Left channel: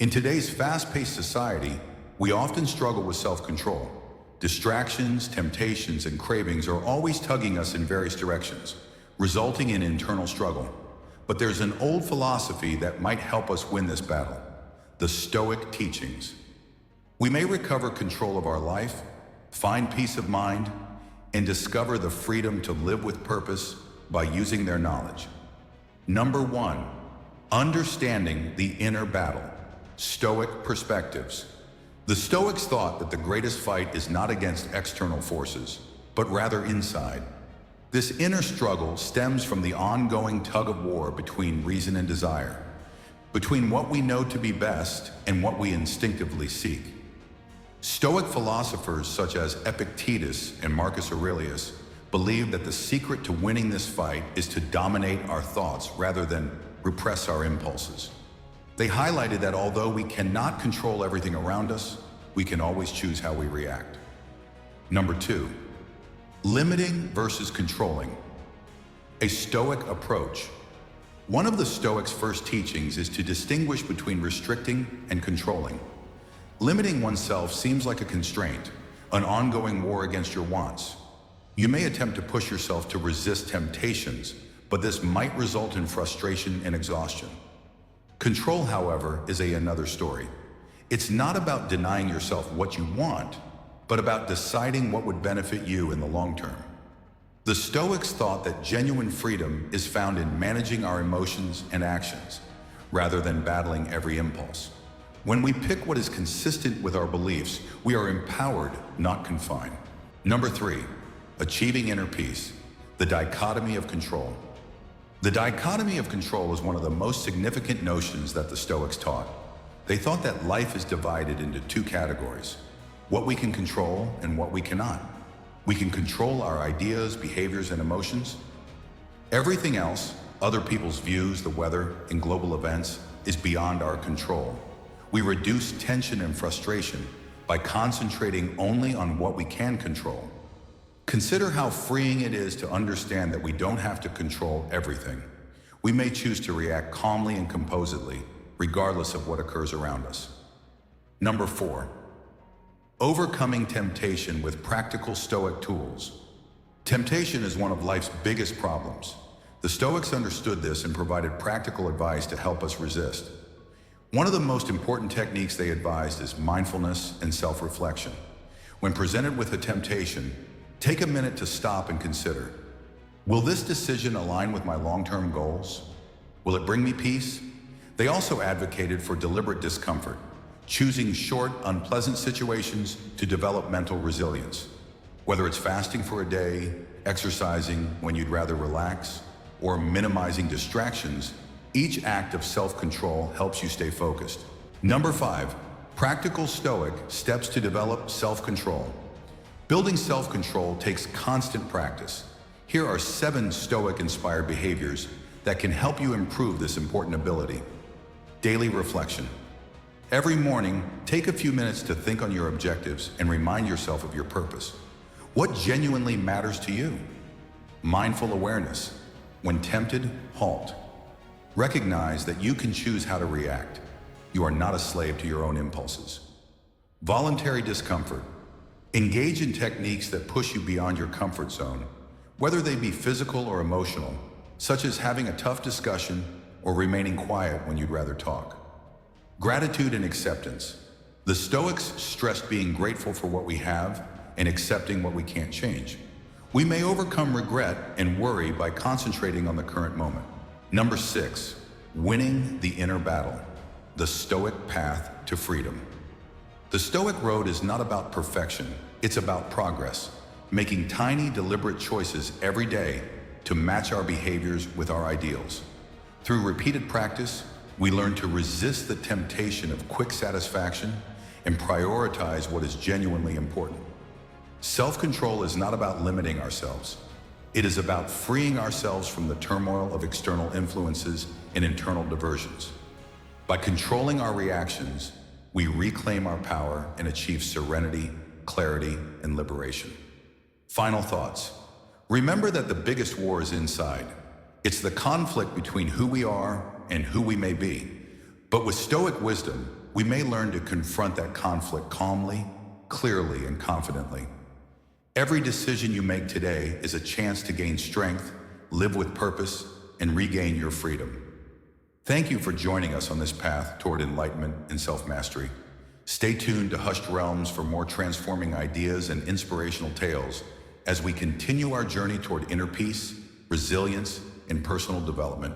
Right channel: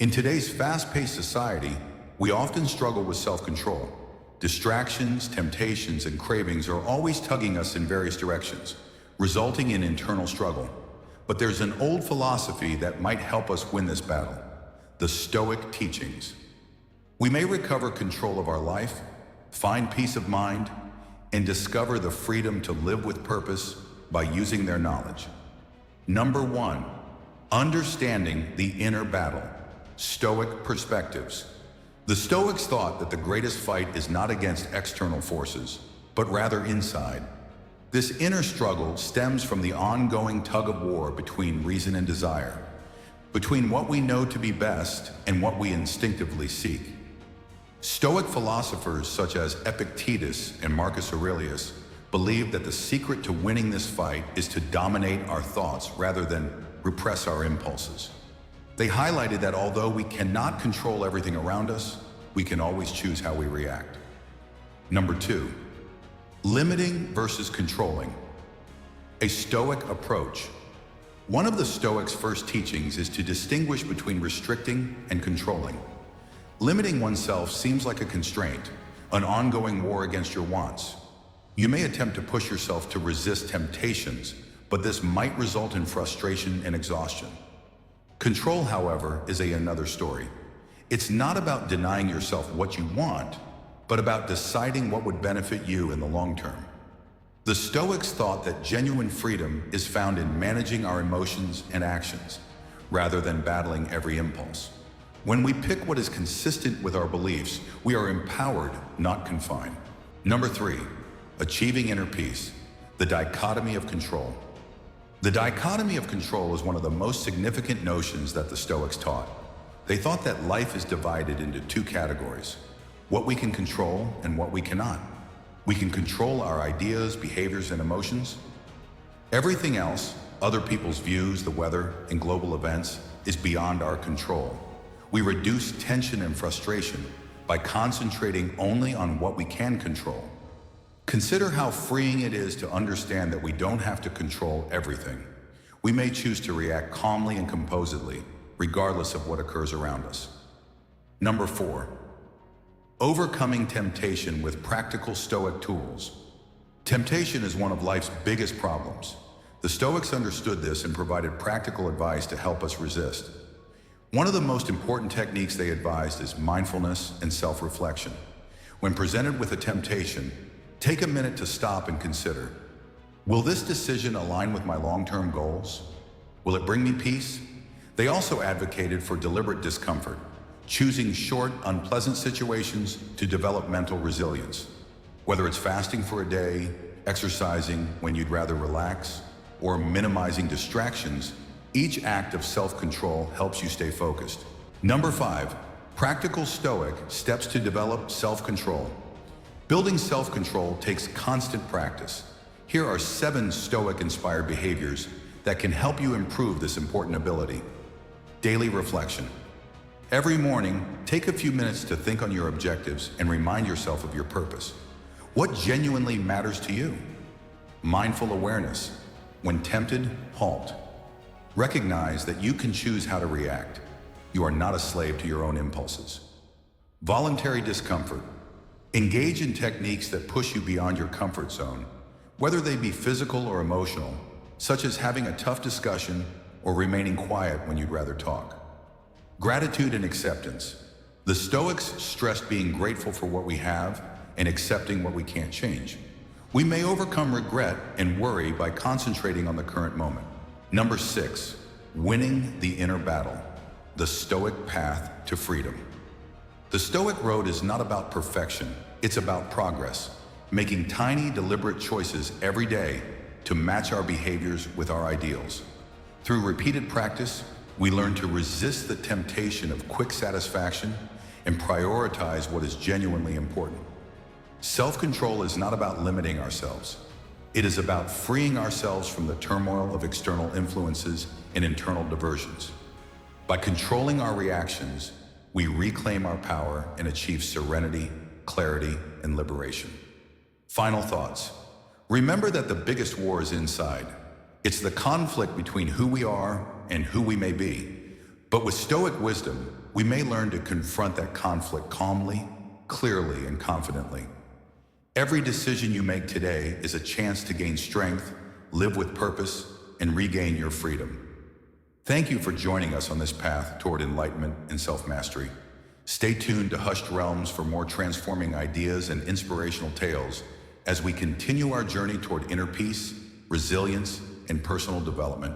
In today's fast-paced society, we often struggle with self-control. Distractions, temptations, and cravings are always tugging us in various directions, resulting in internal struggle. But there's an old philosophy that might help us win this battle: the Stoic teachings. We may recover control of our life, find peace of mind, and discover the freedom to live with purpose by using their knowledge. Number 1, understanding the inner battle. Stoic perspectives. The Stoics thought that the greatest fight is not against external forces, but rather inside. This inner struggle stems from the ongoing tug of war between reason and desire, between what we know to be best and what we instinctively seek. Stoic philosophers such as Epictetus and Marcus Aurelius believed that the secret to winning this fight is to dominate our thoughts rather than repress our impulses. They highlighted that although we cannot control everything around us, we can always choose how we react. Number 2, limiting versus controlling. A Stoic approach. One of the Stoics' first teachings is to distinguish between restricting and controlling. Limiting oneself seems like a constraint, an ongoing war against your wants. You may attempt to push yourself to resist temptations, but this might result in frustration and exhaustion. Control, however, is another story. It's not about denying yourself what you want, but about deciding what would benefit you in the long term. The Stoics thought that genuine freedom is found in managing our emotions and actions, rather than battling every impulse. When we pick what is consistent with our beliefs, we are empowered, not confined. Number 3, achieving inner peace. The dichotomy of control. The dichotomy of control is one of the most significant notions that the Stoics taught. They thought that life is divided into 2 categories: what we can control and what we cannot. We can control our ideas, behaviors, and emotions. Everything else, other people's views, the weather, and global events, is beyond our control. We reduce tension and frustration by concentrating only on what we can control. Consider how freeing it is to understand that we don't have to control everything. We may choose to react calmly and composedly, regardless of what occurs around us. Number 4, overcoming temptation with practical Stoic tools. Temptation is one of life's biggest problems. The Stoics understood this and provided practical advice to help us resist. One of the most important techniques they advised is mindfulness and self-reflection. When presented with a temptation, take a minute to stop and consider, will this decision align with my long-term goals? Will it bring me peace? They also advocated for deliberate discomfort, choosing short, unpleasant situations to develop mental resilience. Whether it's fasting for a day, exercising when you'd rather relax, or minimizing distractions, each act of self-control helps you stay focused. Number 5, practical Stoic steps to develop self-control. Building self-control takes constant practice. Here are 7 Stoic-inspired behaviors that can help you improve this important ability. Daily reflection. Every morning, take a few minutes to think on your objectives and remind yourself of your purpose. What genuinely matters to you? Mindful awareness. When tempted, halt. Recognize that you can choose how to react. You are not a slave to your own impulses. Voluntary discomfort. Engage in techniques that push you beyond your comfort zone, whether they be physical or emotional, such as having a tough discussion or remaining quiet when you'd rather talk. Gratitude and acceptance. The Stoics stressed being grateful for what we have and accepting what we can't change. We may overcome regret and worry by concentrating on the current moment. Number 6, winning the inner battle. The Stoic path to freedom. The Stoic road is not about perfection, it's about progress, making tiny, deliberate choices every day to match our behaviors with our ideals. Through repeated practice, we learn to resist the temptation of quick satisfaction and prioritize what is genuinely important. Self-control is not about limiting ourselves. It is about freeing ourselves from the turmoil of external influences and internal diversions. By controlling our reactions, we reclaim our power and achieve serenity, clarity, and liberation. Final thoughts. Remember that the biggest war is inside. It's the conflict between who we are and who we may be. But with Stoic wisdom, we may learn to confront that conflict calmly, clearly, and confidently. Every decision you make today is a chance to gain strength, live with purpose, and regain your freedom. Thank you for joining us on this path toward enlightenment and self-mastery. Stay tuned to Hushed Realms for more transforming ideas and inspirational tales as we continue our journey toward inner peace, resilience, and personal development.